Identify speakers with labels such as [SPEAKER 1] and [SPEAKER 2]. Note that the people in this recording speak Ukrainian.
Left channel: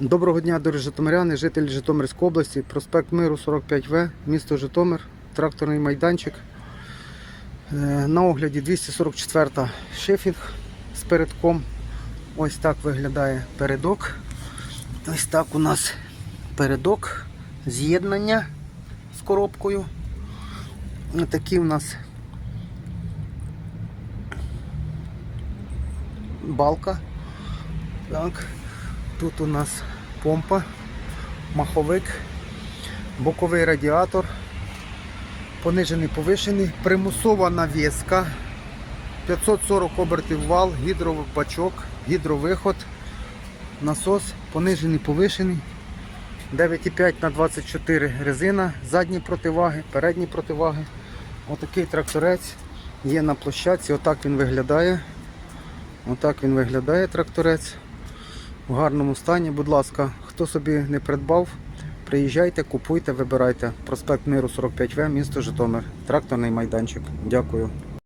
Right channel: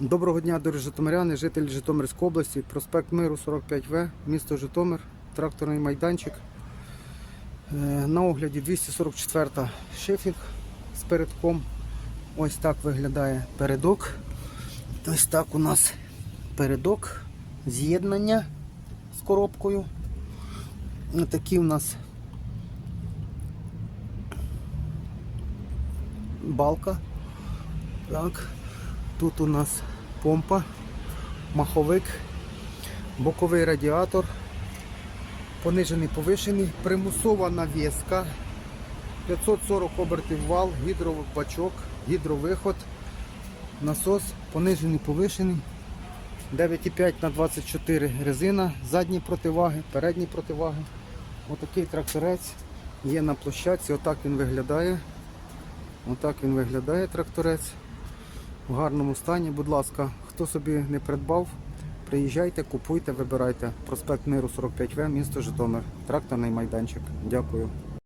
[SPEAKER 1] Доброго дня, дорогі житомиряни, жителі Житомирської області, проспект Миру 45В, місто Житомир, тракторний майданчик. Е, На огляді 244 та шифінг з передком. Ось так виглядає передок. Ось так у нас передок, з'єднання з коробкою. Ось такі у нас балка. Так. Тут у нас помпа, маховик, боковий радіатор, понижений повишений, примусова навіска, 540 обертів вал, гідробачок, гідровиход, насос, понижений повишений, 9,5 на 24 резина, задні противаги, передні противаги. Отакий тракторець є на площадці, отак він виглядає. Отак він виглядає тракторець в гарному стані. Будь ласка, хто собі не придбав, приїжджайте, купуйте, вибирайте. Проспект Миру 45В, місто Житомир. Тракторний майданчик. Дякую.